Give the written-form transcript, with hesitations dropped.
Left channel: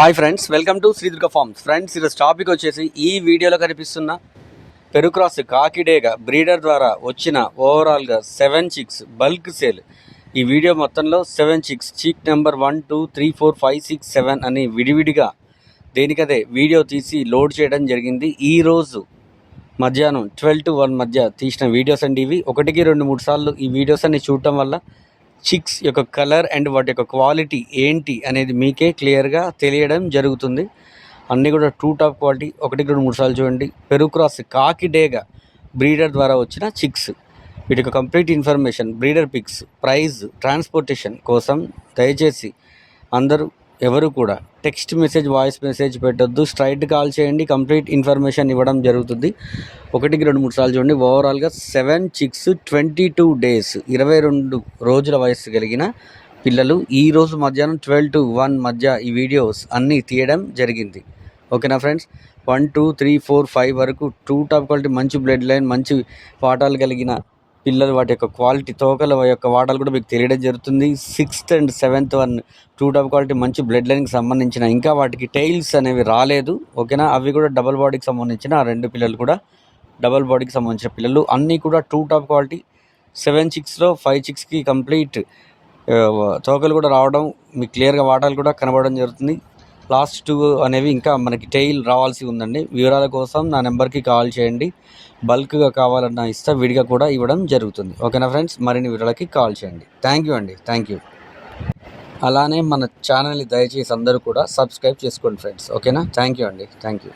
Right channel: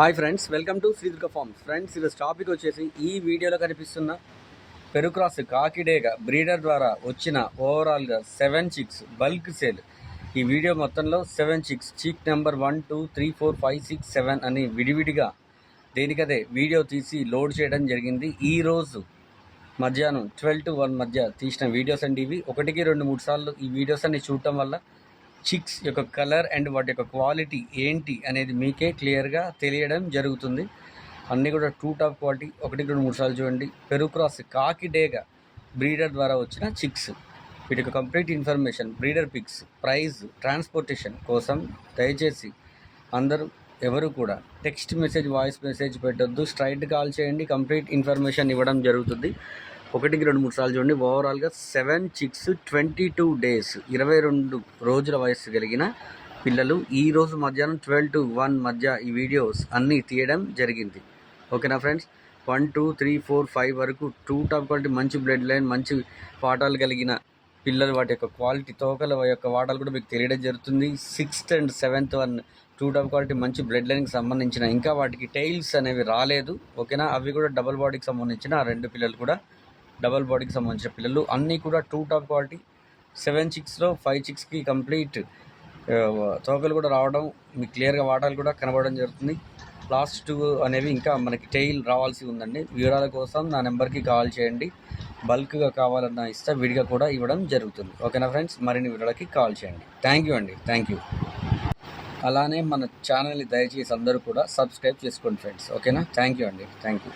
Hi friends, welcome to Shri Durga farms. Friends, ఈరోజు topic వచ్చేసి ఈ వీడియోలో కనిపిస్తున్న పెరుక్రాస్ కాకిడేగా బ్రీడర్ ద్వారా వచ్చిన ఓవరాల్గా 7 చిక్స్ బల్క్ సేల్. ఈ వీడియో మొత్తంలో 7 చిక్స్, చీక్ నెంబర్ 1, 2, 3, 4, 5, 6, 7 అని విడివిడిగా దేనికదే వీడియో తీసి లోడ్ చేయడం జరిగింది. ఈరోజు మధ్యాహ్నం 12 to 1 మధ్య తీసిన వీడియోస్ అండి ఇవి. 1, 2, 3 సార్లు ఈ వీడియోస్ అన్ని చూడటం వల్ల చిక్స్ యొక్క కలర్ అండ్ వాటి యొక్క క్వాలిటీ ఏంటి అనేది మీకే క్లియర్గా తెలియడం జరుగుతుంది. అన్నీ కూడా టూ టాప్ క్వాలిటీ. 1, 2, 3 సార్లు చూడండి. పెరుక్రాస్ కాకిడేగా బ్రీడర్ ద్వారా వచ్చిన చిక్స్. వీటి యొక్క complete information, breeder pics, price, transportation కోసం దయచేసి అందరూ ఎవరు కూడా టెక్స్ట్ మెసేజ్, వాయిస్ మెసేజ్ పెట్టొద్దు. స్ట్రైట్ కాల్ చేయండి. కంప్లీట్ ఇన్ఫర్మేషన్ ఇవ్వడం జరుగుతుంది. 1, 2, 3 సార్లు చూడండి. ఓవరాల్గా 7 చిక్స్, 22 డేస్, 22 రోజుల వయసు కలిగిన పిల్లలు ఈరోజు మధ్యాహ్నం 12 to 1 మధ్య ఈ వీడియోస్ అన్నీ తీయడం జరిగింది. ఓకేనా ఫ్రెండ్స్? 1, 2, 3, 4, 5 వరకు టూ టాప్ క్వాలిటీ, మంచి బ్లడ్ లైన్, మంచి వాటాలు కలిగిన పిల్లలు, వాటి యొక్క క్వాలిటీ, తోకల యొక్క వాటాలు కూడా మీకు తెలియడం జరుగుతుంది. 6th and 7th one two top quality మంచి బ్లడ్ లైన్కి సంబంధించిన, ఇంకా వాటికి టైల్స్ అనేవి రాలేదు. ఓకేనా? అవి కూడా డబల్ బాడీకి సంబంధించిన ఆ 2 పిల్లలు కూడా డబల్ బాడీకి సంబంధించిన పిల్లలు. అన్నీ కూడా టూ టాప్ క్వాలిటీ. 7 చిక్స్లో 5 చిక్స్కి కంప్లీట్ తోకలు కూడా రావడం, మీకు క్లియర్గా వాటాలు కూడా కనబడడం జరుగుతుంది. లాస్ట్ 2 అనేవి ఇంకా మనకి టైల్ రావాల్సి ఉందండి. వివరాల కోసం నా నెంబర్కి కాల్ చేయండి. బల్క్గా కావాలన్నా ఇస్తా, విడిగా కూడా ఇవ్వడం జరుగుతుంది. ఓకేనా ఫ్రెండ్స్? మరిన్ని వివరాలకి కాల్ చేయండి. థ్యాంక్ యూ అండి. Thank you. అలానే మన ఛానల్ని దయచేసి అందరూ కూడా సబ్స్క్రైబ్ చేసుకోండి ఫ్రెండ్స్. ఓకేనా? థ్యాంక్ యూ అండి. Thank you.